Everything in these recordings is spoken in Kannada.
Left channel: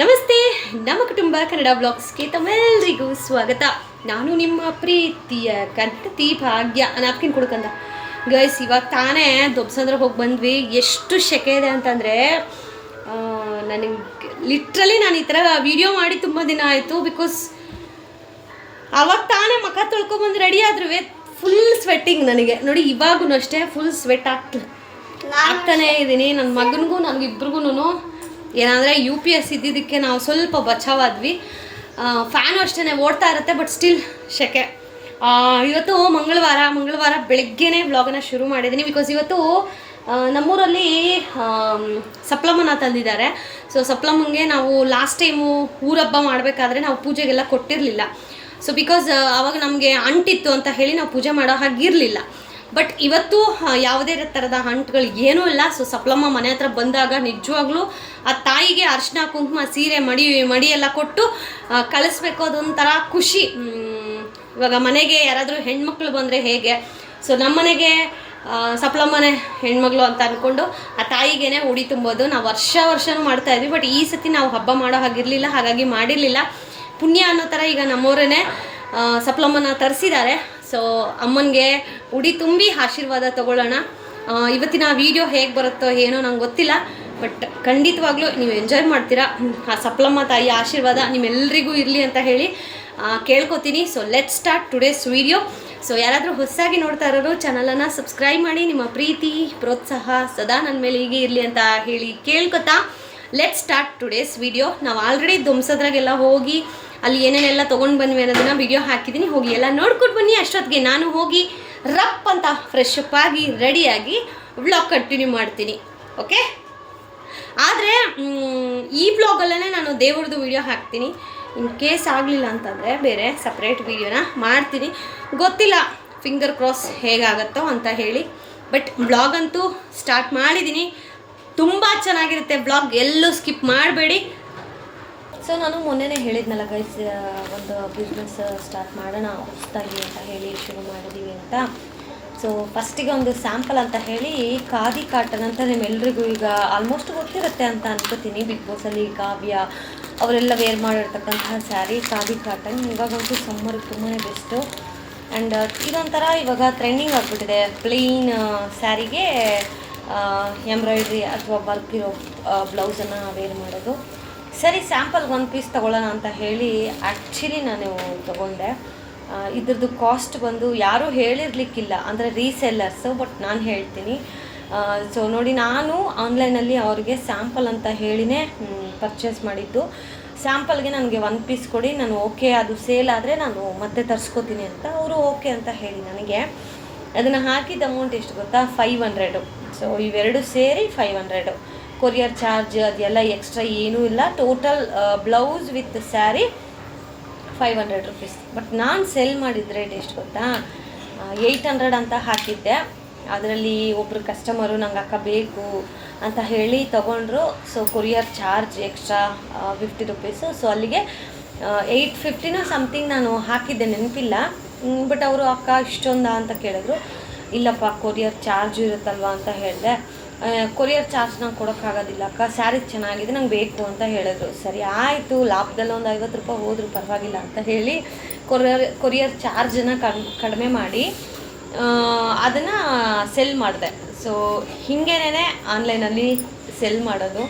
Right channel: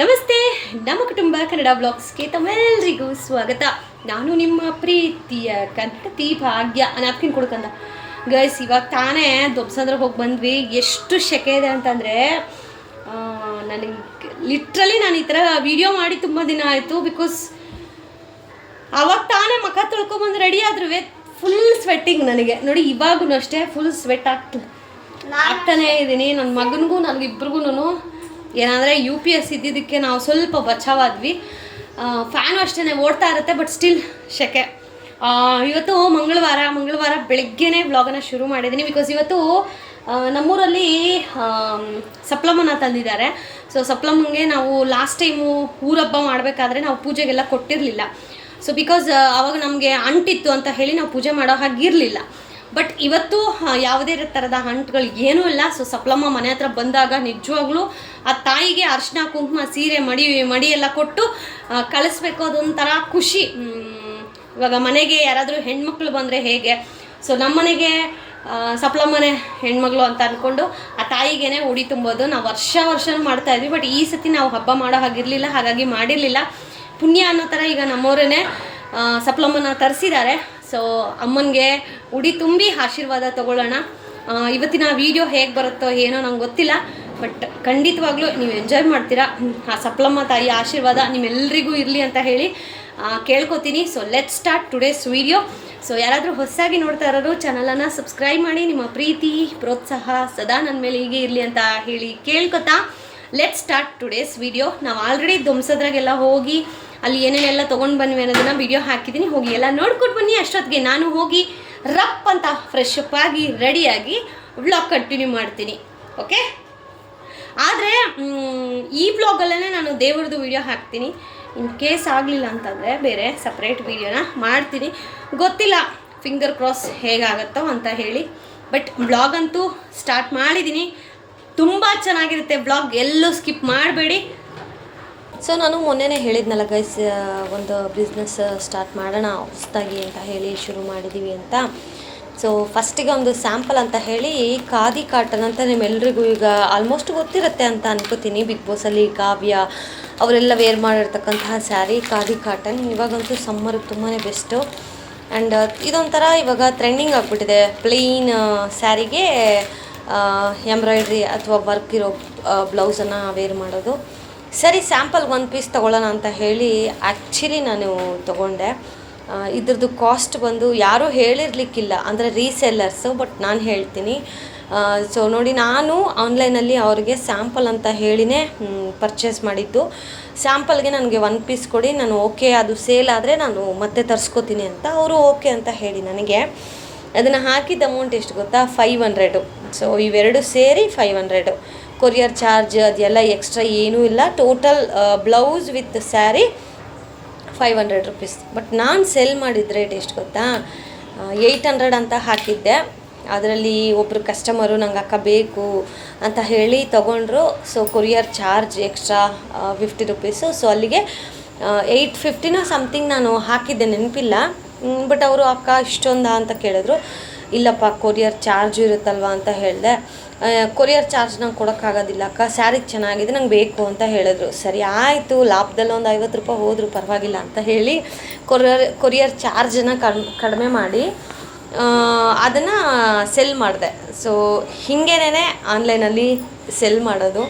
ನಮಸ್ತೆ, ನಮ್ಮ ಕುಟುಂಬ ಕನ್ನಡ ಬ್ಲಾಗ್ಸ್ಗೆ ತಮ್ಮೆಲ್ಲರಿಗೂ ಸ್ವಾಗತ. ನಾನು ನಿಮ್ಮ ಪ್ರೀತಿಯ ಕನ್ನಡತಿ ಭಾಗ್ಯ. ನ್ಯಾಪ್ಕಿನ್ ಕೊಡ್ಕಂತ ಗೈಸ್, ಇವಾಗ ತಾನೇ ದೊಬ್ಸಂದ್ರೆ ಹೋಗಿ ಬಂದ್ವಿ. ಎಷ್ಟು ಸೆಕೆ ಇದೆ ಅಂತಂದರೆ ನನಗೆ ಲಿಟ್ರಲಿ ನಾನು ಈ ಥರ ವಿಡಿಯೋ ಮಾಡಿ ತುಂಬ ದಿನ ಆಯಿತು. ಬಿಕಾಸ್ ಅವಾಗ ತಾನೇ ಮುಖ ತೊಳ್ಕೊಬಂದು ರೆಡಿ ಆದ್ರೂ ಫುಲ್ ಸ್ವೆಟ್ಟಿಂಗ್ ನನಗೆ. ನೋಡಿ ಇವಾಗೂ ಅಷ್ಟೇ ಫುಲ್ ಸ್ವೆಟ್ ಆಗ್ತಾನೇ ಇದ್ದೀನಿ. ನನ್ನ ಮಗನಿಗೂ ನನಗಿಬ್ರಿಗೂ ಏನಂದರೆ UPS ಇದ್ದಿದ್ದಕ್ಕೆ ನಾವು ಸ್ವಲ್ಪ ಬಚಾವಾದ್ವಿ. ಫ್ಯಾನು ಅಷ್ಟೇ ಓಡ್ತಾ ಇರುತ್ತೆ, ಬಟ್ ಸ್ಟಿಲ್ ಸೆಕೆ. ಇವತ್ತು ಮಂಗಳವಾರ ಬೆಳಗ್ಗೆನೇ ವ್ಲಾಗನ್ನು ಶುರು ಮಾಡಿದ್ದೀನಿ. ಬಿಕಾಸ್ ಇವತ್ತು ನಮ್ಮೂರಲ್ಲಿ ಸಪ್ಲಮ್ಮನ ತಂದಿದ್ದಾರೆ. ಸೊ ಸಪ್ಲಮ್ಮಂಗೆ ನಾವು ಲಾಸ್ಟ್ ಟೈಮು ಊರಬ್ಬ ಮಾಡಬೇಕಾದ್ರೆ ನಾವು ಪೂಜೆಗೆಲ್ಲ ಕೊಟ್ಟಿರಲಿಲ್ಲ. ಸೊ ಬಿಕಾಸ್ ಆವಾಗ ನಮಗೆ ಅಂಟಿತ್ತು ಅಂತ ಹೇಳಿ ನಾವು ಪೂಜೆ ಮಾಡೋ ಹಾಗಿರಲಿಲ್ಲ. ಬಟ್ ಇವತ್ತು ಯಾವುದೇ ಥರದ ಅಂಟುಗಳು ಏನೂ ಇಲ್ಲ. ಸೊ ಸಪ್ಲಮ್ಮ ಮನೆ ಹತ್ರ ಬಂದಾಗ ನಿಜವಾಗ್ಲೂ ಆ ತಾಯಿಗೆ ಅರಿಶಿನ ಕುಂಕುಮ ಸೀರೆ ಮಡಿ ಎಲ್ಲ ಕೊಟ್ಟು ಕಳಿಸ್ಬೇಕು. ಅದೊಂಥರ ಖುಷಿ. ಇವಾಗ ಮನೆಗೆ ಯಾರಾದರೂ ಹೆಣ್ಮಕ್ಳು ಬಂದರೆ ಹೇಗೆ, ಸೊ ನಮ್ಮ ಮನೆಗೆ ಸಪ್ಲಮ್ಮನೆ ಹೆಣ್ಮಗಳು ಅಂತ ಅಂದ್ಕೊಂಡು ಆ ತಾಯಿಗೇನೆ ಉಡಿ ತುಂಬೋದು ನಾವು ವರ್ಷನೂ ಮಾಡ್ತಾಯಿದ್ವಿ. ಬಟ್ ಈ ಸತಿ ನಾವು ಹಬ್ಬ ಮಾಡೋ ಹಾಗಿರಲಿಲ್ಲ, ಹಾಗಾಗಿ ಮಾಡಿರಲಿಲ್ಲ. ಪುಣ್ಯ ಅನ್ನೋ ಥರ ಈಗ ನಮ್ಮವರೇ ಸಪ್ಲಮ್ಮನ ತರಿಸಿದ್ದಾರೆ. ಸೊ ಅಮ್ಮನಿಗೆ ಉಡಿ ತುಂಬಿ ಆಶೀರ್ವಾದ ತಗೊಳ್ಳೋಣ. ಇವತ್ತಿನ ವಿಡಿಯೋ ಹೇಗೆ ಬರುತ್ತೋ ಏನೋ ನಂಗೆ ಗೊತ್ತಿಲ್ಲ, ಬಟ್ ಖಂಡಿತವಾಗ್ಲೂ ನೀವು ಎಂಜಾಯ್ ಮಾಡ್ತೀರಾ. ಆ ಸಪ್ಲಮ್ಮ ತಾಯಿ ಆಶೀರ್ವಾದ ನಿಮ್ಮೆಲ್ಲರಿಗೂ ಇರಲಿ ಅಂತ ಹೇಳಿ ಕೇಳ್ಕೊತೀನಿ. So let start today's video. So ಯಾರಾದರೂ ಹೊಸದಾಗಿ ನೋಡ್ತಾ ಇರೋರು ಚಾನಲನ್ನು ಸಬ್ಸ್ಕ್ರೈಬ್ ಮಾಡಿ. ನಿಮ್ಮ ಪ್ರೀತಿ ಪ್ರೋತ್ಸಾಹ ಸದಾ ನನ್ನ ಮೇಲೆ ಹೀಗೆ ಇರಲಿ ಅಂತ ಹೇಳಿ ಕೇಳ್ಕೊತಾ ಲೆಟ್ ಸ್ಟಾರ್ಟ್ ಟುಡೇಸ್ ವಿಡಿಯೋ. ನಾವು ಆಲ್ರೆಡಿ ಧ್ವಂಸದ್ರಾಗೆಲ್ಲ ಹೋಗಿ ಅಲ್ಲಿ ಏನೇನೆಲ್ಲ ತೊಗೊಂಡು ಬಂದ್ವಿ ಅನ್ನೋದನ್ನು ವಿಡಿಯೋ ಹಾಕಿದ್ದೀನಿ. ಹೋಗಿ ಎಲ್ಲ ನೋಡ್ಕೊಂಡು ಬನ್ನಿ. ಅಷ್ಟೊತ್ತಿಗೆ ನಾನು ಹೋಗಿ ರಪ್ ಅಂತ ಫ್ರೆಶ್ ಅಪ್ ಆಗಿ ರೆಡಿಯಾಗಿ ವ್ಲಾಗ್ ಕಂಟಿನ್ಯೂ ಮಾಡ್ತೀನಿ. ಓಕೆ, ಆದರೆ ಈ ವ್ಲಾಗಲ್ಲೇ ನಾನು ದೇವ್ರದ್ದು ವಿಡಿಯೋ ಹಾಕ್ತೀನಿ. ಇನ್ ಕೇಸ್ ಆಗಲಿಲ್ಲ ಅಂತಂದರೆ ಬೇರೆ ಸಪ್ರೇಟ್ ವಿಡಿಯೋನ ಮಾಡ್ತೀನಿ. ಗೊತ್ತಿಲ್ಲ, ಫಿಂಗರ್ ಕ್ರಾಸ್ ಹೇಗಾಗತ್ತೋ ಅಂತ ಹೇಳಿ. ಬಟ್ ವ್ಲಾಗ್ ಅಂತೂ ಸ್ಟಾರ್ಟ್ ಮಾಡಿದ್ದೀನಿ. ತುಂಬ ಚೆನ್ನಾಗಿರುತ್ತೆ ವ್ಲಾಗ್, ಎಲ್ಲೂ ಸ್ಕಿಪ್ ಮಾಡಬೇಡಿ. ಸೊ ನಾನು ಮೊನ್ನೆನೇ ಹೇಳಿದ್ನಲ್ಲ ಗೈಸ್, ಒಂದು ಬಿಸ್ನೆಸ್ ಸ್ಟಾರ್ಟ್ ಮಾಡೋಣ ಹೊಸದಾಗಿ ಅಂತ ಹೇಳಿ ಶುರು ಮಾಡಿದ್ದೀವಿ ಅಂತ. ಸೊ ಫಸ್ಟಿಗೆ ಒಂದು ಸ್ಯಾಂಪಲ್ ಅಂತ ಹೇಳಿ ಖಾದಿ ಕಾಟನ್ ಅಂತ ನಿಮ್ಮೆಲ್ರಿಗೂ ಈಗ ಆಲ್ಮೋಸ್ಟ್ ಗೊತ್ತಿರುತ್ತೆ ಅಂತ ಅನ್ಕೋತೀನಿ. ಬಿಗ್ ಬಾಸಲ್ಲಿ ಕಾವ್ಯ ಅವರೆಲ್ಲ ವೇರ್ ಮಾಡಿರ್ತಕ್ಕಂತಹ ಸ್ಯಾರಿ ಖಾದಿ ಕಾಟನ್. ಇವಾಗಂತೂ ಸಮ್ಮರ್ಗೆ ತುಂಬಾ ಬೆಸ್ಟು. ಆ್ಯಂಡ್ ಇದೊಂಥರ ಇವಾಗ ಟ್ರೆಂಡಿಂಗ್ ಆಗಿಬಿಟ್ಟಿದೆ. ಪ್ಲೇನ್ ಸ್ಯಾರಿಗೆ ಎಂಬ್ರಾಯ್ಡ್ರಿ ಅಥವಾ ವರ್ಕ್ ಇರೋ ಬ್ಲೌಸನ್ನು ವೇರ್ ಮಾಡೋದು. ಸರಿ, ಸ್ಯಾಂಪಲ್ಗೆ ಒಂದು ಪೀಸ್ ತೊಗೊಳ್ಳೋಣ ಅಂತ ಹೇಳಿ ಆ್ಯಕ್ಚುಲಿ ನಾನು ತೊಗೊಂಡೆ. ಇದ್ರದ್ದು ಕಾಸ್ಟ್ ಬಂದು ಯಾರೂ ಹೇಳಿರಲಿಕ್ಕಿಲ್ಲ, ಅಂದರೆ ರೀಸೆಲ್ಲರ್ಸು, ಬಟ್ ನಾನು ಹೇಳ್ತೀನಿ. ಸೊ ನೋಡಿ, ನಾನು ಆನ್ಲೈನಲ್ಲಿ ಅವರಿಗೆ ಸ್ಯಾಂಪಲ್ ಅಂತ ಹೇಳಿನೇ ಪರ್ಚೇಸ್ ಮಾಡಿದ್ದು. ಸ್ಯಾಂಪಲ್ಗೆ ನನಗೆ ಒಂದು ಪೀಸ್ ಕೊಡಿ, ನಾನು ಓಕೆ ಅದು ಸೇಲ್ ಆದರೆ ನಾನು ಮತ್ತೆ ತರಿಸ್ಕೋತೀನಿ ಅಂತ ಅವರು ಓಕೆ ಅಂತ ಹೇಳಿ ನನಗೆ ಅದನ್ನು ಹಾಕಿದ ಅಮೌಂಟ್ ಎಷ್ಟು ಗೊತ್ತಾ? 500. ಸೊ ಇವೆರಡು ಸೇರಿ 500. ಕೊರಿಯರ್ ಚಾರ್ಜ್ ಅದೆಲ್ಲ ಎಕ್ಸ್ಟ್ರಾ ಏನೂ ಇಲ್ಲ. Total blouse with sari 500 rupees. But ನಾನು ಸೆಲ್ ಮಾಡಿದ ರೇಟ್ ಎಷ್ಟು ಗೊತ್ತಾ? 800 ಅಂತ ಹಾಕಿದ್ದೆ. ಅದರಲ್ಲಿ ಒಬ್ಬರು ಕಸ್ಟಮರು ನಂಗೆ ಅಕ್ಕ ಬೇಕು ಅಂತ ಹೇಳಿ ತೊಗೊಂಡ್ರು. So courier charge extra 50 rupees. So ಅಲ್ಲಿಗೆ 850 ಸಮಥಿಂಗ್ ನಾನು ಹಾಕಿದ್ದೆ, ನೆನಪಿಲ್ಲ. ಬಟ್ ಅವರು ಅಕ್ಕ ಇಷ್ಟೊಂದ ಅಂತ ಕೇಳಿದ್ರು. ಇಲ್ಲಪ್ಪ, ಕೊರಿಯರ್ ಚಾರ್ಜ್ ಇರುತ್ತಲ್ವ ಅಂತ ಹೇಳಿದೆ. ಕೊರಿಯರ್ ಚಾರ್ಜ್ ನಂಗೆ ಕೊಡೋಕ್ಕಾಗೋದಿಲ್ಲ ಅಕ್ಕ, ಸ್ಯಾರಿ ಚೆನ್ನಾಗಿದೆ, ನಂಗೆ ಬೇಕು ಅಂತ ಹೇಳಿದ್ರು. ಸರಿ ಆಯಿತು, ಲಾಭದಲ್ಲಿ ಒಂದು 50 ರೂಪಾಯಿ ಹೋದರೂ ಪರವಾಗಿಲ್ಲ ಅಂತ ಹೇಳಿ ಕೊರಿಯರ್ ಚಾರ್ಜನ್ನು ಕಡಿಮೆ ಮಾಡಿ ಅದನ್ನು ಸೆಲ್ ಮಾಡಿದೆ. ಸೊ ಹೀಗೇನೇ ಆನ್ಲೈನಲ್ಲಿ ಸೆಲ್ ಮಾಡೋದು.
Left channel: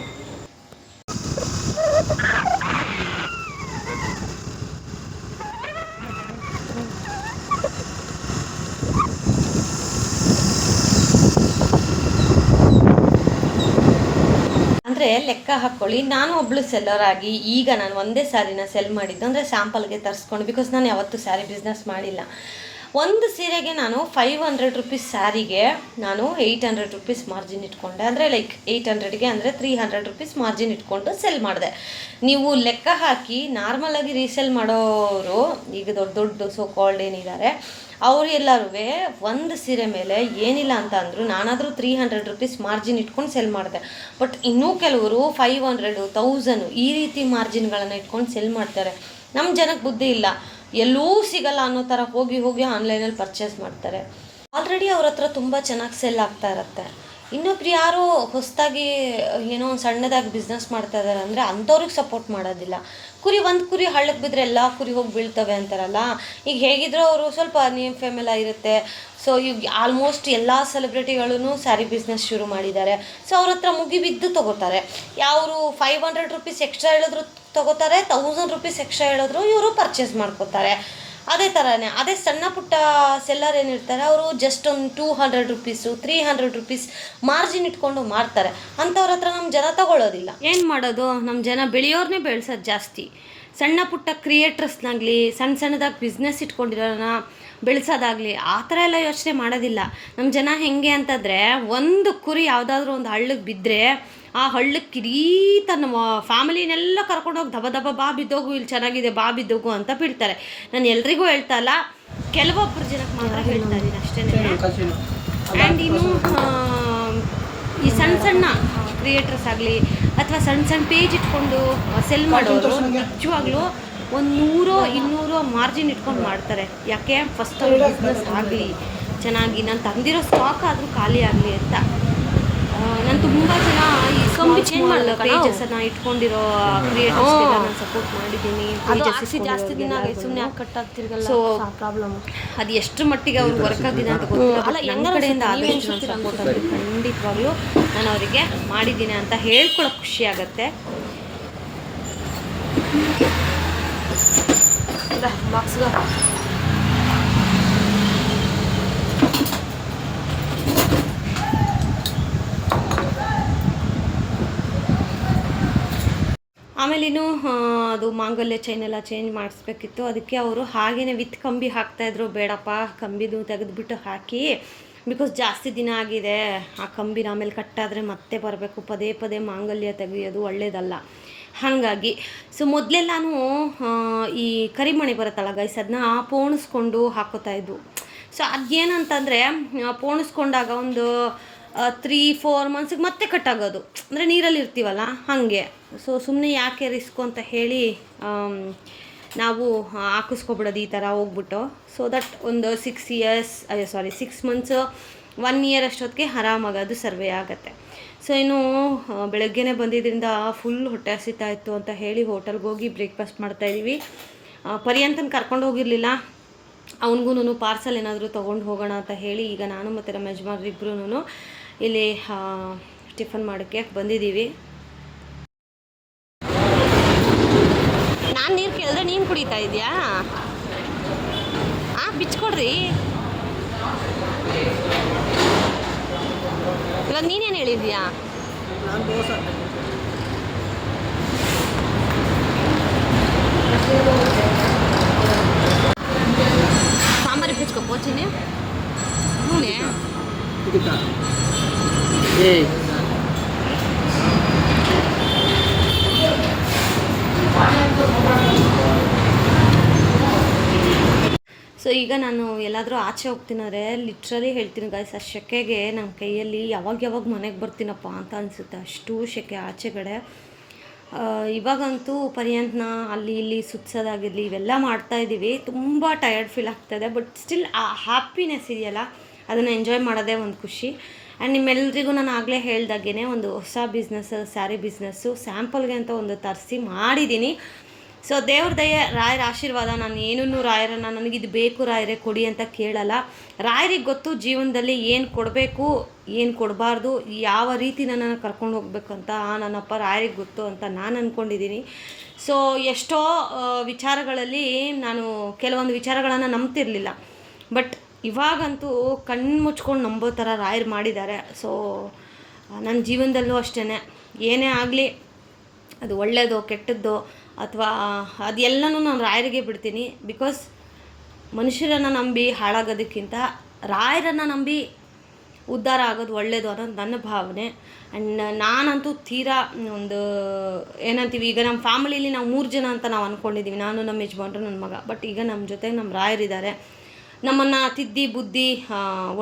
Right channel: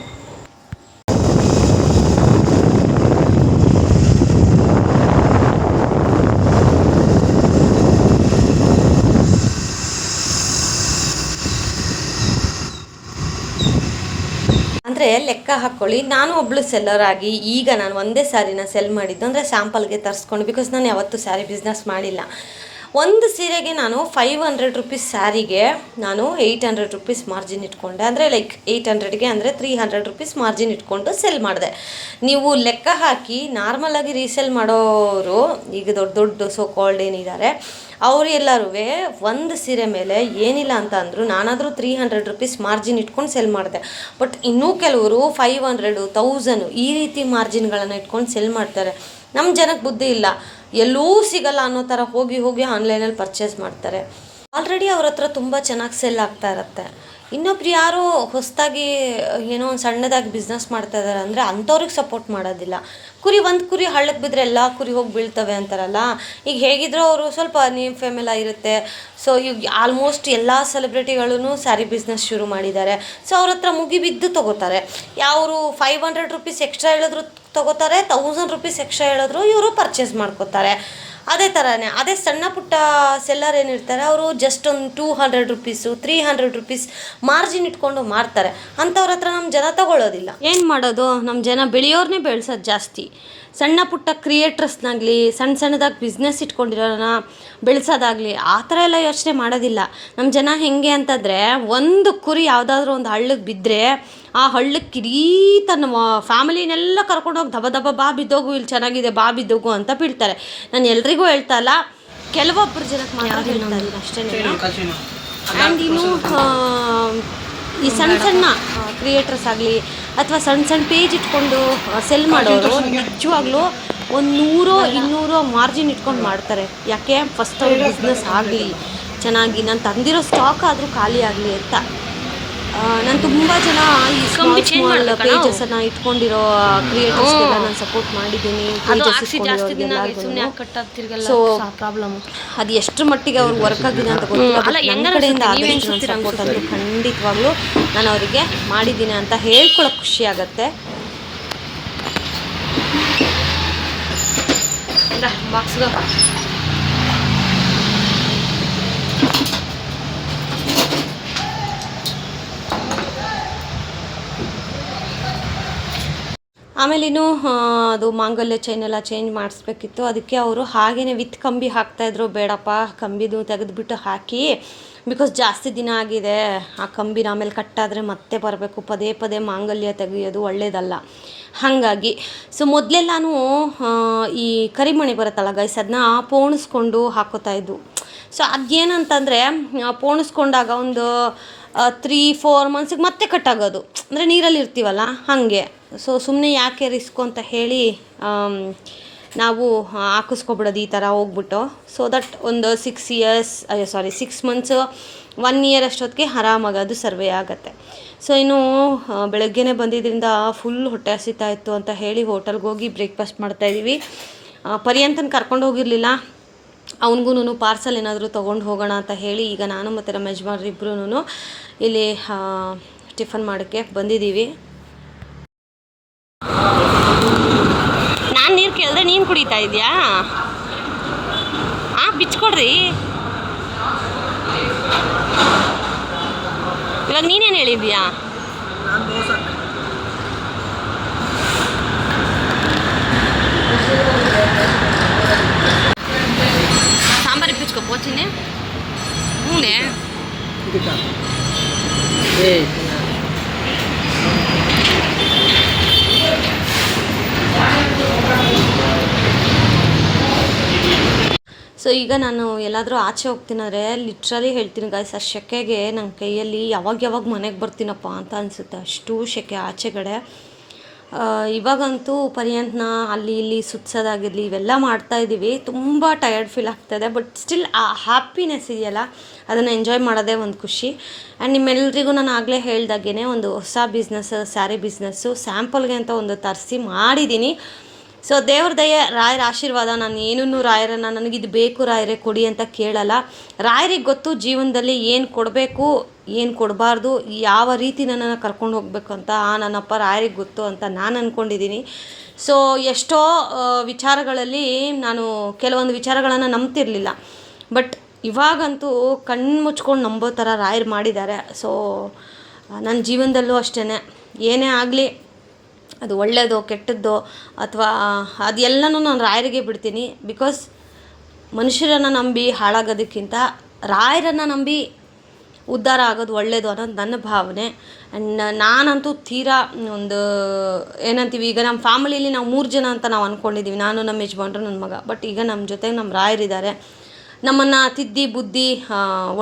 ಅಂದರೆ ಲೆಕ್ಕ ಹಾಕ್ಕೊಳ್ಳಿ, ನಾನು ಒಬ್ಬಳು ಸೆಲ್ಲರ್ ಆಗಿ ಈಗ ನಾನು ಒಂದೇ ಸ್ಯಾರಿನ ಸೆಲ್ ಮಾಡಿದ್ದು, ಅಂದರೆ ಸ್ಯಾಂಪಲ್ಗೆ ತರಿಸ್ಕೊಂಡು. ಬಿಕಾಸ್ ನಾನು ಯಾವತ್ತೂ ಸ್ಯಾರಿ ಬಿಸ್ನೆಸ್ ಮಾಡಿಲ್ಲ. ಒಂದು ಸೀರೆಗೆ ನಾನು 500 ರುಪೀಸ್ ಸ್ಯಾರಿಗೆ ನಾನು 800 ರುಪೀಸ್ ಮಾರ್ಜಿನ್ ಇಟ್ಕೊಂಡೆ. ಅಂದರೆ ಲೈಕ್ 800ಗೆ ಅಂದರೆ 300 ರುಪೀಸ್ ಮಾರ್ಜಿನ್ ಇಟ್ಕೊಂಡು ಸೆಲ್ ಮಾಡಿದೆ. ನೀವು ಲೆಕ್ಕ ಹಾಕಿ ನಾರ್ಮಲಾಗಿ ರೀಸೆಲ್ ಮಾಡೋರು, ಈಗ ದೊಡ್ಡ ಸೋ ಕಾಲ್ಡ್ ಏನಿದ್ದಾರೆ ಅವರು ಎಲ್ಲರೂ ಒಂದು ಸೀರೆ ಮೇಲೆ ಏನಿಲ್ಲ ಅಂತ ಅಂದರು ನಾನಾದರೂ 300 ರುಪೀಸ್ ಮಾರ್ಜಿನ್ ಇಟ್ಕೊಂಡು ಸೆಲ್ ಮಾಡಿದೆ. ಬಟ್ ಇನ್ನೂ ಕೆಲವರು 500, 1000 ಈ ರೀತಿ ಮಾರ್ಜಿನ್ಗಳನ್ನು ಇಟ್ಕೊಂಡು ಸೆಲ್ ಮಾಡ್ತಾರೆ. ನಮ್ಮ ಜನಕ್ಕೆ ಬುದ್ಧಿ ಇಲ್ಲ, ಎಲ್ಲೂ ಸಿಗಲ್ಲ ಅನ್ನೋ ಥರ ಹೋಗಿ ಆನ್ಲೈನಲ್ಲಿ ಪರ್ಚೇಸ್ ಮಾಡ್ತಾರೆ. ಆಲ್ರೆಡಿ ಅವ್ರ ಹತ್ರ ತುಂಬ ಚೆನ್ನಾಗಿ ಸೆಲ್ ಆಗ್ತಾ ಇರುತ್ತೆ. ಇನ್ನೊಬ್ರು ಯಾರೋ ಹೊಸದಾಗಿ ಏನೋ ಒಂದು ಸಣ್ಣದಾಗಿ ಬಿಸ್ನೆಸ್ ಮಾಡ್ತಾ ಇದ್ದಾರೆ ಅಂದರೆ ಅಂಥವ್ರಿಗೆ ಸಪೋರ್ಟ್ ಮಾಡೋದಿಲ್ಲ. ಒಂದು ಕುರಿ ಹಳ್ಳಕ್ಕೆ ಬಿದ್ದರೆ ಎಲ್ಲ ಕುರಿ ಹೋಗಿ ಬೀಳ್ತವೆ ಅಂತಾರಲ್ಲ, ಈಗ ಹೇಗಿದ್ರೂ ಅವರು ಸ್ವಲ್ಪ ನೇಮ್ ಫೇಮೆಲ್ಲ ಇರುತ್ತೆ. ಸೊ ಈಗ ಆಲ್ಮೋಸ್ಟ್ ಎಲ್ಲ ಸೆಲೆಬ್ರಿಟಿಗಳೂ ಸ್ಯಾರಿ ಬಿಸ್ನೆಸ್ ಶುರು ಮಾಡಿದ್ದಾರೆ. ಸೊ ಅವ್ರ ಹತ್ರ ಮುಗಿಬಿದ್ದು ತೊಗೋತಾರೆ. ಯಾವರು 500 ರೂಪೀಸ್ ಎಕ್ಸ್ಟ್ರಾ ಹೇಳಿದ್ರು ತೊಗೋತಾರೆ, 1000 ರೂಪೀಸ್ ಎಕ್ಸ್ಟ್ರಾ ಹೇಳಿದ್ರು ಇವರು ಪರ್ಚೇಸ್ ಮಾಡ್ಕೋತಾರೆ. ಅದೇ ಥರನೇ ಅದೇ ಸಣ್ಣ ಪುಟ್ಟ ಸೆಲ್ಲರ್ ಏನಿರ್ತಾರೆ ಅವರು ಜಸ್ಟ್ ಒಂದು 200 ರೂಪೀಸು 300 ರೂಪೀಸ್ ಮಾರ್ಜಿನ್ ಇಟ್ಕೊಂಡು ಮಾರ್ತಾರೆ. ಅಂಥವ್ರ ಹತ್ರ ನಮ್ಮ ಜನ ತಗೊಳ್ಳೋದಿಲ್ಲ. ಏನು ಮಾಡೋದು, ನಮ್ಮ ಜನ ಬೆಳೆಯೋರನ್ನೇ ಬೆಳೆಸೋದು ಜಾಸ್ತಿ. ಸಣ್ಣ ಪುಟ್ಟ ಕ್ರಿಯೇಟ್ರಸ್ನಾಗಲಿ ಸಣ್ಣದಾಗಿ ಬಿಸ್ನೆಸ್ ಇಟ್ಕೊಂಡಿರೋನ ಬೆಳೆಸೋದಾಗಲಿ ಆ ಥರ ಎಲ್ಲ ಯೋಚನೆ ಮಾಡೋದಿಲ್ಲ. ನಮ್ಮ ಜನ ಹೇಗೆ ಅಂತಂದರೆ, ಒಂದು ಕುರಿ ಯಾವುದಾದ್ರೂ ಒಂದು ಹಳ್ಳಕ್ಕೆ ಬಿದ್ದರೆ ಆ ಹಳ್ಳಕ್ಕೆ ಇಡೀ ತನ್ನ ಫ್ಯಾಮಿಲಿನೆಲ್ಲ ಕರ್ಕೊಂಡೋಗಿ ದಬ ದಬ ಬಾ ಬಿದ್ದೋಗು, ಇಲ್ಲಿ ಚೆನ್ನಾಗಿದೆ ಬಾ ಬಿದ್ದೋಗು ಅಂತ ಬೀಳ್ತಾರೆ. ನಾನು ಎಲ್ರಿಗೂ ಹೇಳ್ತಾ ಇಲ್ಲ, ಕೆಲವೊಬ್ಬರು ಜನಕ್ಕೆ ಮಾತ್ರ ಹೇಳ್ತಾ ಇದ್ದೀನಿ ಅಷ್ಟೇ. ಆ್ಯಂಡ್ ಇನ್ನು ಈ ಸಣ್ಣ ಕ್ರಿಯೇಟರ್ಸ್ ಆಗಲಿ ಅಥವಾ ಸಣ್ಣ ಪೇಜ್ ಇಟ್ಕೊಂಡು ಸೆಲ್ ಮಾಡೋರು ನಿಜವಾಗ್ಲೂ 100-200 ಮಾರ್ಜಿನ್ ಇಟ್ಕೊಂಡು ಮಾಡ್ತಾರೆ. ಯಾಕೆ, ಫಸ್ಟ್ ಅವ್ರ ಬಿಸ್ನೆಸ್ ಆಗಲಿ ಚೆನ್ನಾಗಿ, ನಾನು ತಂದಿರೋ ಸ್ಟಾಕ್ ಆದರೂ ಖಾಲಿ ಆಗಲಿ ಅಂತ. ನಾನು ತುಂಬ ಜನ ಈ ಪೇಜಸ್ಸನ್ನು ಇಟ್ಕೊಂಡಿರೋ ಕ್ರಿಯೇಟರ್ಸ್ಗೆಲ್ಲ ನಾನು ಸಪೋರ್ಟ್ ಮಾಡಿದ್ದೀನಿ. ಸೊ ಪ್ರಾಬ್ಲಮ್ ಅದು ಎಷ್ಟರ ಮಟ್ಟಿಗೆ ಅವ್ರಿಗೆ ವರ್ಕ್ ಆಗಿದೆ ಅಂತ ಗೊತ್ತಿಲ್ಲ. ಸಪೋರ್ಟ್ ಅಂತೂ ಖಂಡಿತವಾಗ್ಲೂ ನಾನು ಅವರಿಗೆ ಮಾಡಿದ್ದೀನಿ ಅಂತ ಹೇಳ್ಕೊಳ್ಳೋಕೆ ಖುಷಿ ಆಗುತ್ತೆ. ಬಾಕ್ಸ್ಗೆ ಆಮೇಲೆ ಇನ್ನೂ ಅದು ಮಾಂಗಲ್ಯ ಚೈನ್ ಎಲ್ಲ ಚೇಂಜ್ ಮಾಡಿಸ್ಬೇಕಿತ್ತು. ಅದಕ್ಕೆ ಅವರು ಹಾಗೇ ವಿತ್ ಕಂಬಿ ಹಾಕ್ತಾಯಿದ್ರು. ಬೇಡಪ್ಪ, ಕಂಬಿದು ತೆಗೆದುಬಿಟ್ಟು ಹಾಕಿ, ಬಿಕಾಸ್ ಜಾಸ್ತಿ ದಿನ ಆಗಿದೆ, ಆ ಕಂಬಿನ ಆಮೇಲೆ ಕಟ್ಟಾದರೆ ಮತ್ತೆ ಬರಬೇಕು, ಪದೇ ಪದೇ ಮಾಂಗಲ್ಯ ತೆಗೆಯೋದು ಒಳ್ಳೆಯದಲ್ಲ. ಹಾಗಾಗಿ ಸೊ ಮೊದಲೆಲ್ಲನೂ ಈ ಕರಿಮಣಿ ಬರುತ್ತಲ್ಲ ಗೈಸ್, ಅದನ್ನ ಪೋಣಿಸ್ಕೊಂಡು ಹಾಕೋತಾಯಿದ್ದು. ಸೊ ಅದೇನಂತಂದರೆ ಪೋಣಿಸ್ಕೊಂಡಾಗ ಒಂದು 3-4 ಮಂತ್ಸಿಗೆ ಮತ್ತೆ ಕಟ್ಟಾಗೋದು, ಅಂದರೆ ನೀರಲ್ಲಿ ಇರ್ತೀವಲ್ಲ ಹಾಗೆ. ಸೊ ಸುಮ್ಮನೆ ಯಾಕೆ ರಿಸ್ಕು ಅಂತ ಹೇಳಿ ನಾವು ಹಾಕಿಸ್ಕೊಬಿಡೋದು ಈ ಥರ ಹೋಗ್ಬಿಟ್ಟು. ಸೊ ದಟ್ ಒಂದು 6 ಮಂತ್ಸು 1 ಇಯರ್ ಅಷ್ಟೊತ್ತಿಗೆ ಆರಾಮಾಗಿ ಅದು ಸರ್ವೇ ಆಗುತ್ತೆ. ಸೊ ಇನ್ನು ಬೆಳಗ್ಗೆನೇ ಬಂದಿದ್ದರಿಂದ ಫುಲ್ ಹೊಟ್ಟೆ ಹಸಿತಾ ಇತ್ತು ಅಂತ ಹೇಳಿ ಹೋಟೆಲ್ಗೆ ಹೋಗಿ ಬ್ರೇಕ್ಫಾಸ್ಟ್ ಮಾಡ್ತಾಯಿದ್ದೀವಿ. ಪರ್ಯಂತನ ಕರ್ಕೊಂಡು ಹೋಗಿರಲಿಲ್ಲ, ಅವನಿಗೂ ಪಾರ್ಸಲ್ ಏನಾದರೂ ತೊಗೊಂಡು ಹೋಗೋಣ ಅಂತ ಹೇಳಿ ಈಗ ನಾನು ಮತ್ತು ನಮ್ಮ ಯಜಮಾನ್ರು ಇಬ್ಬರೂ ಇಲ್ಲಿ ಟಿಫನ್ ಮಾಡೋಕ್ಕೆ ಬಂದಿದ್ದೀವಿ. ನಾನು ನೀರು ಕೇಳಿದ್ರೆ ನೀನು ಕುಡಿತಾ ಇದೆಯಾ? ಬಿಚ್ಕೊಡ್ರಿ. ಇವಾಗ ನೀನೇನು ಹೇಳಿದ್ಯಾ? ಸಾಂಬಾರು ಇಪ್ಪಿಸ್ಕೊ ಪೋಚಿನೇ. ಹೂನೆ ಸೊ ಈಗ ನಾನು ಎಲ್ಲಾದರೂ ಆಚೆ ಹೋಗ್ತೀನಂದರೆ ಲಿಟ್ರಲಿ ಹೇಳ್ತೀನಿ ಗಾಯ್ಸ್, ಆ ಸೆಕೆಗೆ ನನ್ನ ಕೈಯಲ್ಲಿ ಯಾವಾಗ ಮನೆಗೆ ಬರ್ತೀನಪ್ಪ ಅಂತ ಅನಿಸುತ್ತೆ, ಅಷ್ಟು ಸೆಕೆ ಆಚೆಗಡೆ. ಇವಾಗಂತೂ ಪರ್ಯಂತನ ಅಲ್ಲಿ ಇಲ್ಲಿ ಸುತ್ಸೋದಾಗಿರಲಿ ಇವೆಲ್ಲ ಮಾಡ್ತಾಯಿದ್ದೀವಿ. ತುಂಬ ಟಯರ್ಡ್ ಫೀಲ್ ಆಗ್ತಾಯಿದೆ, ಬಟ್ ಸ್ಟಿಲ್ ಆ ಹ್ಯಾಪಿನೆಸ್ ಇದೆಯಲ್ಲ ಅದನ್ನು ಎಂಜಾಯ್ ಮಾಡೋದೇ ಒಂದು ಖುಷಿ. ಆ್ಯಂಡ್ ನಿಮ್ಮೆಲ್ಲರಿಗೂ ನಾನು ಆಗಲೇ ಹೇಳ್ದಾಗೇ ಒಂದು ಹೊಸ ಬಿಸ್ನೆಸ್, ಸ್ಯಾರಿ ಬಿಸ್ನೆಸ್ಸು ಸ್ಯಾಂಪಲ್ಗೆ ಅಂತ ಒಂದು ತರಿಸಿ ಮಾಡಿದ್ದೀನಿ. ಸೊ ದೇವ್ರ ದಯೆ, ರಾಯರ ಆಶೀರ್ವಾದ. ನಾನು ಏನೂ ರಾಯರನ್ನು ನನಗಿದು ಬೇಕು ರಾಯರೇ ಕೊಡಿ ಅಂತ ಕೇಳಲ್ಲ. ರಾಯರಿಗೆ ಗೊತ್ತು ಜೀವನದಲ್ಲಿ ಏನು ಕೊಡಬೇಕು ಏನು ಕೊಡಬಾರ್ದು, ಯಾವ ರೀತಿ ನನ್ನನ್ನು ಕರ್ಕೊಂಡು ಹೋಗಬೇಕು ಅಂತ ನನ್ನಪ್ಪ ರಾಯರಿಗೆ ಗೊತ್ತು ಅಂತ ನಾನು ಅಂದ್ಕೊಂಡಿದ್ದೀನಿ. ಸೊ ಎಷ್ಟೋ ವಿಚಾರಗಳಲ್ಲಿ ನಾನು ಕೆಲವೊಂದು ವಿಚಾರಗಳನ್ನು ನಂಬ್ತಿರಲಿಲ್ಲ, ಬಟ್ ಇವಾಗಂತೂ ಕಣ್ಣು ಮುಚ್ಕೊಂಡು ನಂಬೋ ಥರ ರಾಯರು ಮಾಡಿದ್ದಾರೆ. ಸೊ ನನ್ನ ಜೀವನದಲ್ಲೂ ಅಷ್ಟೇ, ಏನೇ ಆಗಲಿ ಅದು ಒಳ್ಳೆಯದೋ ಕೆಟ್ಟದ್ದೋ ಅಥವಾ ಅದೆಲ್ಲನೂ ನಾನು ರಾಯರಿಗೆ ಬಿಡ್ತೀನಿ. ಬಿಕಾಸ್ ಮನುಷ್ಯರನ್ನು ನಂಬಿ ಹಾಳಾಗೋದಕ್ಕಿಂತ ರಾಯರನ್ನು ನಂಬಿ ಉದ್ಧಾರ ಆಗೋದು ಒಳ್ಳೆಯದು ಅನ್ನೋದು ನನ್ನ ಭಾವನೆ. ಆ್ಯಂಡ್ ನಾನಂತೂ ತೀರಾ ಒಂದು ಏನಂತೀವಿ, ಈಗ ನಮ್ಮ ಫ್ಯಾಮಿಲೀಲಿ ನಾವು 3 ಜನ ಅಂತ ನಾವು ಅಂದ್ಕೊಂಡಿದ್ದೀವಿ, ನಾನು ನಮ್ಮ ಯಜಮಾನ್ರು ನನ್ನ ಮಗ. ಬಟ್ ಈಗ ನಮ್ಮ ಜೊತೆಗೆ ನಮ್ಮ ರಾಯರಿದ್ದಾರೆ, ನಮ್ಮನ್ನು ತಿದ್ದಿ ಬುದ್ಧಿ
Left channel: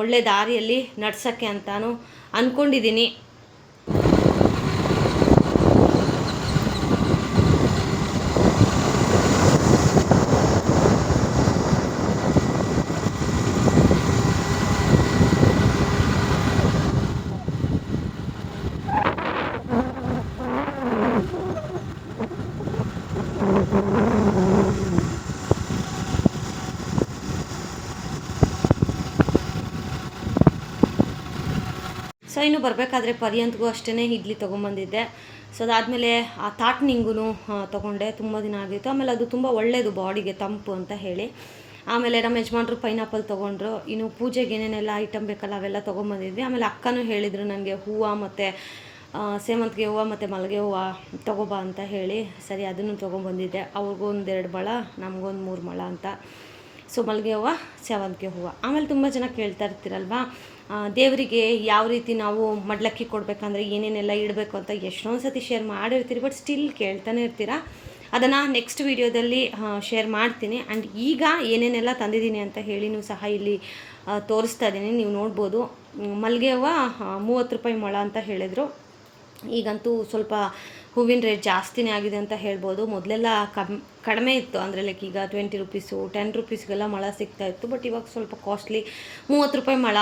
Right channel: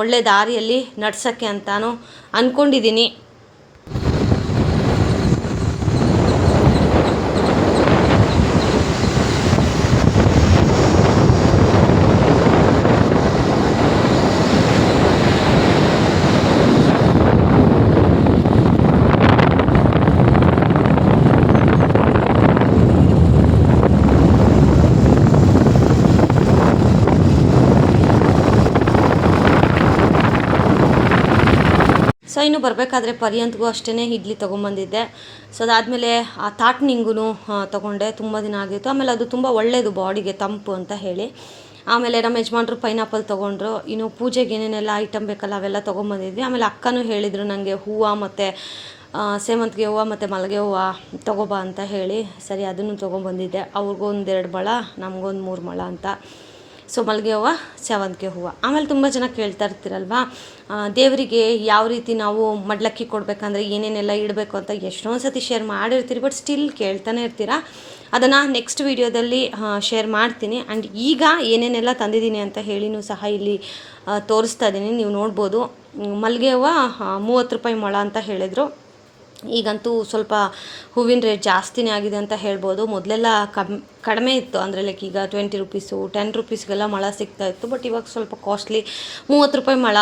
ಒಳ್ಳೆ ದಾರಿಯಲ್ಲಿ ನಡ್ಸೋಕ್ಕೆ ಅಂತಾನು ಅಂದ್ಕೊಂಡಿದ್ದೀನಿ. ಸೊ ಇನ್ನು ಬರಬೇಕಾದ್ರೆ ಪರ್ಯಂತ್ಗೂ ಅಷ್ಟೇ ಇಡ್ಲಿ ತೊಗೊಂಬಂದಿದ್ದೆ. ಸೊ ಅದಾದಮೇಲೆ ಆ ತಾಟ್ನಿಂಗೂ ತೊಗೊಂಡೆ, ತುಂಬ ದಿನ ಆಗಿತ್ತು. ಆಮೇಲೆ ಅದು ತುಂಬ ಒಳ್ಳೆಯದು ಬಾಡಿಗೆ, ತಂಪು ಅಂತ ಹೇಳಿ. ಆಮೇಲೆ ನಮ್ಮ ಯಜಮಾನ್ರು ಪೈನಾಪಲ್ ತೊಗೊಂಡ್ರು. ಇನ್ನು ಪೂಜೆಗೆ ಏನೇನೆಲ್ಲ ಐಟಮ್ ಬೇಕಲ್ಲ ಅವೆಲ್ಲ ತೊಗೊಂಬಂದಿದ್ವಿ. ಆಮೇಲೆ ಅಕ್ಕನೂ ಹೇಳಿದರು ನನಗೆ ಹೂವು ಮತ್ತು ಸೇವಂತಿಗೆ ಹೂವು ಮತ್ತು ಮಲ್ಲಿಗೆ ಹೂವು ತೊಗೊಬಾ ಅಂತ ಹೇಳಿ. ಸರಿ, ಅದನ್ನು ತೊಗೊಂಬಂದಿದ್ದೆ. ಅವ್ರಿಗೊಂದು 2 ಮೊಳ, ನಮಗೊಂದು 3 ಮೊಳ ಅಂತ. ಸೊ ಮಲ್ಲಿಗೆ ಹೂವು, ಸೇವಂತಿಗೆ ಹೂವು. ಆಮೇಲೆ ತುಂಬ ಜನ ಕೇಳ್ತಾ ಇರ್ತೀರಲ್ವ, ದೇವರಿಗೆ ಯಾವ ರೀತಿ ನಾವು ಮಡ್ಲಕ್ಕಿ ಕೊಡಬೇಕಂದ್ರೆ ಏನೇನೆಲ್ಲ ಇಡಬೇಕು ಅಂತ ಎಷ್ಟೊಂದು ಸತಿ ಶೇರ್ ಮಾಡಿರ್ತೀರಿ, ಬಟ್ ಸ್ಟಿಲ್ ಕೇಳ್ತಾನೆ ಇರ್ತೀರಾ. ಅದನ್ನು ನೆಕ್ಸ್ಟ್ ವೀಡಿಯೋದಲ್ಲಿ ಶೇರ್ ಮಾಡ್ತೀನಿ. ಆ್ಯಂಡ್ ಈಗ ಏನೇನೆಲ್ಲ ತಂದಿದ್ದೀನಿ ಅಂತ ಹೇಳಿನೂ ಸಹ ಇಲ್ಲಿ ತೋರಿಸ್ತಾ ಇದ್ದೀನಿ, ನೀವು ನೋಡ್ಬೋದು. ಮಲ್ಲಿಗೆ ಹೂವು 30 ರೂಪಾಯಿ ಮೊಳ ಅಂತ ಹೇಳಿದರು. ಈಗಂತೂ ಸ್ವಲ್ಪ ಹೂವಿನ ರೇಟ್ ಜಾಸ್ತಿನೇ ಆಗಿದೆ ಅಂತ ಹೇಳ್ಬೋದು. ಮೊದಲೆಲ್ಲ ಕಡಿಮೆ ಇತ್ತು, ಅಂದರೆ ಲೈಕ್ ಈಗ 20 ರೂಪೀಸು 10 ರೂಪೀಸ್ಗೆಲ್ಲ ಮೊಳ ಸಿಗ್ತಾಯಿತ್ತು. ಬಟ್ ಇವಾಗ ಸ್ವಲ್ಪ ಕಾಸ್ಟ್ಲಿ, 30 ರೂಪಾಯಿ ಮೊಳ.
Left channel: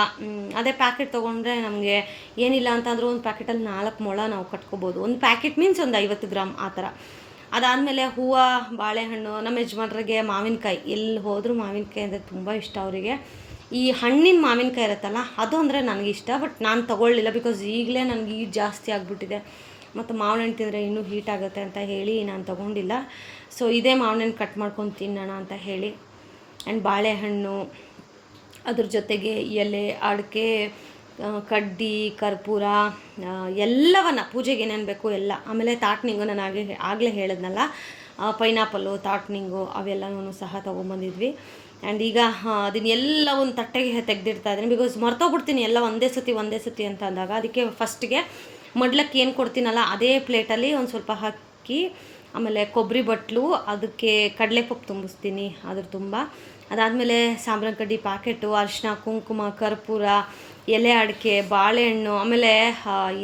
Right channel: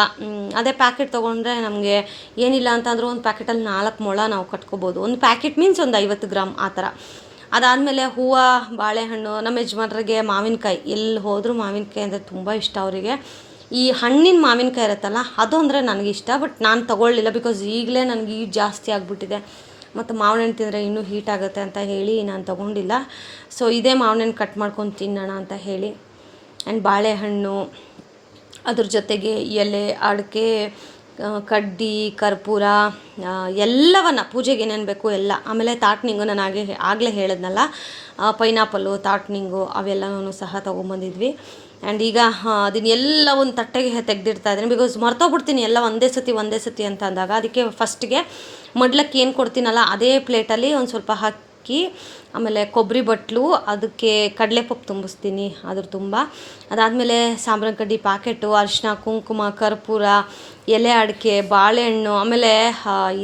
ಅದೇ ಪ್ಯಾಕೆಟ್ ತೊಗೊಂಡ್ರೆ ನಮಗೆ ಏನಿಲ್ಲ ಅಂತಂದರೂ ಒಂದು ಪ್ಯಾಕೆಟಲ್ಲಿ 4 ಮೊಳ ನಾವು ಕಟ್ಕೋಬೋದು. ಒಂದು ಪ್ಯಾಕೆಟ್ ಮೀನ್ಸ್ ಒಂದು 50 ಗ್ರಾಮ್ ಆ ಥರ. ಅದಾದಮೇಲೆ ಹೂವು, ಬಾಳೆಹಣ್ಣು. ನಮ್ಮ ಯಜಮಾನ್ರಿಗೆ ಮಾವಿನಕಾಯಿ, ಎಲ್ಲಿ ಹೋದರೂ ಮಾವಿನಕಾಯಿ ಅಂದರೆ ತುಂಬ ಇಷ್ಟ ಅವರಿಗೆ. ಈ ಹಣ್ಣಿನ ಮಾವಿನಕಾಯಿ ಇರುತ್ತಲ್ಲ, ಅದು ಅಂದರೆ ನನಗಿಷ್ಟ. ಬಟ್ ನಾನು ತೊಗೊಳ್ಳಿಲ್ಲ, ಬಿಕಾಸ್ ಈಗಲೇ ನನಗೆ ಹೀಟ್ ಜಾಸ್ತಿ ಆಗಿಬಿಟ್ಟಿದೆ. ಮತ್ತು ಮಾವಿನ ಹಣ್ಣು ತಿಂದರೆ ಇನ್ನೂ ಹೀಟ್ ಆಗುತ್ತೆ ಅಂತ ಹೇಳಿ ನಾನು ತೊಗೊಂಡಿಲ್ಲ. ಸೊ ಇದೇ ಮಾವಿನ ಹಣ್ಣು ಕಟ್ ಮಾಡ್ಕೊಂಡು ತಿನ್ನೋಣ ಅಂತ ಹೇಳಿ. ಆ್ಯಂಡ್ ಬಾಳೆಹಣ್ಣು, ಅದ್ರ ಜೊತೆಗೆ ಎಲೆ, ಅಡಿಕೆ, ಕಡ್ಡಿ, ಕರ್ಪೂರ, ಎಲ್ಲವನ್ನು ಪೂಜೆಗೆ ಏನೇನು ಬೇಕು ಎಲ್ಲ. ಆಮೇಲೆ ತಾಟ್ನಿಂಗು, ನಾನು ಆಗಲೇ ಹೇಳಿದ್ನಲ್ಲ, ಪೈನಾಪಲ್ಲು, ತಾಟ್ನಿಂಗು ಅವೆಲ್ಲನೂ ಸಹ ತೊಗೊಂಬಂದಿದ್ವಿ. ಆ್ಯಂಡ್ ಈಗ ಅದನ್ನೆಲ್ಲ ಒಂದು ತಟ್ಟೆಗೆ ತೆಗೆದಿಡ್ತಾ ಇದ್ದೀನಿ, ಬಿಕಾಸ್ ಮರ್ತೋಗ್ಬಿಡ್ತೀನಿ ಎಲ್ಲ ಒಂದೇ ಸತಿ ಅಂತ ಅಂದಾಗ. ಅದಕ್ಕೆ ಫಸ್ಟಿಗೆ ಮಡ್ಲಕ್ಕೆ ಏನು ಕೊಡ್ತೀನಲ್ಲ ಅದೇ ಪ್ಲೇಟಲ್ಲಿ ಒಂದು ಸ್ವಲ್ಪ ಹಾಕಿ, ಆಮೇಲೆ ಕೊಬ್ಬರಿ ಬಟ್ಲು, ಅದಕ್ಕೆ ಕಡಲೆಪಪ್ಪು ತುಂಬಿಸ್ತೀನಿ ಅದ್ರ ತುಂಬ. ಅದಾದಮೇಲೆ ಸಾಂಬ್ರಾಣಿ ಕಡ್ಡಿ ಪ್ಯಾಕೆಟು, ಅರಿಶಿನ, ಕುಂಕುಮ, ಕರ್ಪೂರ, ಎಲೆ ಅಡಿಕೆ, ಬಾಳೆಹಣ್ಣು, ಆಮೇಲೆ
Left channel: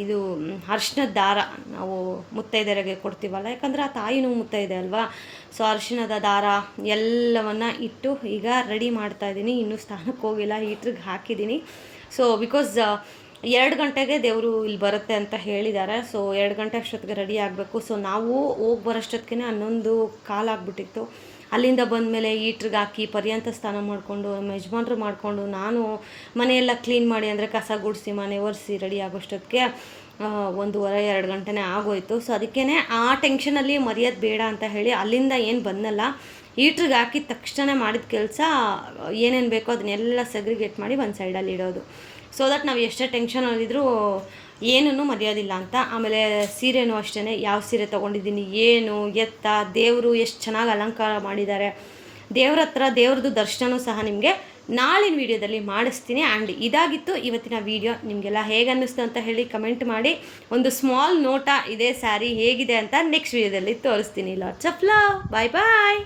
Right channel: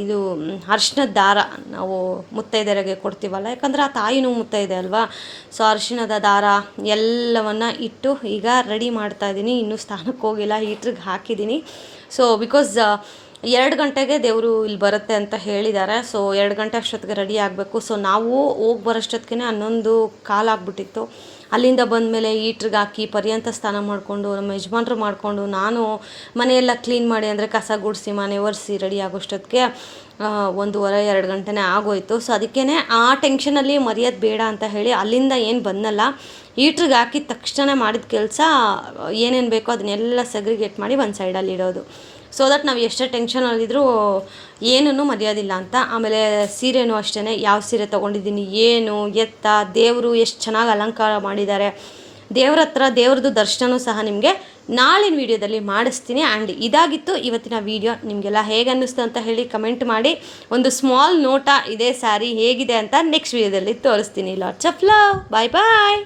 ಇದು ಅರಿಶಿನದ ದಾರ ನಾವು ಮುತ್ತೈದೆಯರಿಗೆ ಕೊಡ್ತೀವಲ್ಲ, ಯಾಕಂದರೆ ಆ ತಾಯಿನೂ ಮುತ್ತೈದೆ ಅಲ್ವಾ. ಸೊ ಅರಿಶಿನದ ದಾರ ಎಲ್ಲವನ್ನು ಇಟ್ಟು ಈಗ ರೆಡಿ ಮಾಡ್ತಾಯಿದ್ದೀನಿ. ಇನ್ನೂ ಸ್ನಾನಕ್ಕೆ ಹೋಗಿಲ್ಲ, ಹೀಟ್ರಿಗೆ ಹಾಕಿದ್ದೀನಿ. ಸೊ ಬಿಕಾಸ್ 2 ಗಂಟೆಗೆ ದೇವರು ಇಲ್ಲಿ ಬರುತ್ತೆ ಅಂತ ಹೇಳಿದ್ದಾರೆ. ಸೊ 2 ಗಂಟೆ ಅಷ್ಟೊತ್ತಿಗೆ ರೆಡಿ ಆಗಬೇಕು. ಸೊ ನಾವು ಹೋಗಿ ಬರೋಷ್ಟೊತ್ತಿಗೆ 11:15 ಆಗಿಬಿಟ್ಟಿತ್ತು. ಅಲ್ಲಿಂದ ಬಂದಮೇಲೆ ಹೀಟ್ರಿಗೆ ಹಾಕಿ ಪರ್ಯಂತ ಸ್ನಾನ ಮಾಡಿಕೊಂಡು, ನಮ್ಮ ಯಜಮಾನ್ರು ಮಾಡಿಕೊಂಡು, ನಾನು ಮನೆಯೆಲ್ಲ ಕ್ಲೀನ್ ಮಾಡಿ, ಅಂದರೆ ಕಸ ಗುಡಿಸಿ ಮನೆ ಒರೆಸಿ ರೆಡಿ ಆಗೋಷ್ಟೊತ್ತಿಗೆ 1:30-2 ಗಂಟೆನೇ ಆಗೋಯಿತು. ಸೊ ಅದಕ್ಕೇ ಆ ಟೆನ್ಷನಲ್ಲಿ ಮರೆಯೋದು ಬೇಡ ಅಂತ ಹೇಳಿ ಅಲ್ಲಿಂದ ಏನು ಬಂದಲ್ಲ, ಹೀಟ್ರಿಗೆ ಹಾಕಿದ ತಕ್ಷಣ ಮಾಡಿದ ಕೆಲಸ ಏನೇನು ಬೇಕೋ ಅದನ್ನೆಲ್ಲ ಸೆಗ್ರಿಗೇಟ್ ಮಾಡಿ ಒಂದು ಸೈಡಲ್ಲಿ ಇಡೋದು. ಸೊ ದಟ್ ನಾವು ಎಷ್ಟೇ ಟೆನ್ಷನಲ್ಲಿದ್ದರೂ ಏನೂ ಮರೆಯೋದಿಲ್ಲ ಅಂತ. ಆಮೇಲೆ ಸೀರೆನೂ ಅಷ್ಟೇ, ಯಾವ ಸೀರೆ ತೊಗೊಂಡಿದ್ದೀನಿ, ಏನು ಎತ್ತ, ದೇವರು ಎಷ್ಟು ಚೆನ್ನಾಗಿ ಅಲಂಕಾರ ಮಾಡಿದ್ದಾರೆ. ದೇವ್ರ ಹತ್ರ ದೇವ್ರದ್ದು ದರ್ಶನವೂ ಸಹ ನಿಮಗೆ ನಾಳಿನ ವೀಡಿಯೋದಲ್ಲಿ ಮಾಡಿಸ್ತೀನಿ. ಆ್ಯಂಡ್ ಇದಾಗಿತ್ತು ಇವತ್ತಿನ ವೀಡಿಯೋ. ನಿಮಗೆಲ್ಲ ಹೇಗೆ ಅನ್ನಿಸ್ತು ಅಂತ ಹೇಳಿ ಕಮೆಂಟ್ ಮಾಡಿ. ಒಂದು ಸ್ಮಾಲ್ ನೋಟ, ಇದೇ ಸ್ಯಾರಿ ಹೇಗಿದೆ ಅಂತ ನೆಕ್ಸ್ಟ್ ವೀಡಿಯೋದಲ್ಲಿ ತೋರಿಸ್ತೀನಿ. Lots of love. Bye bye.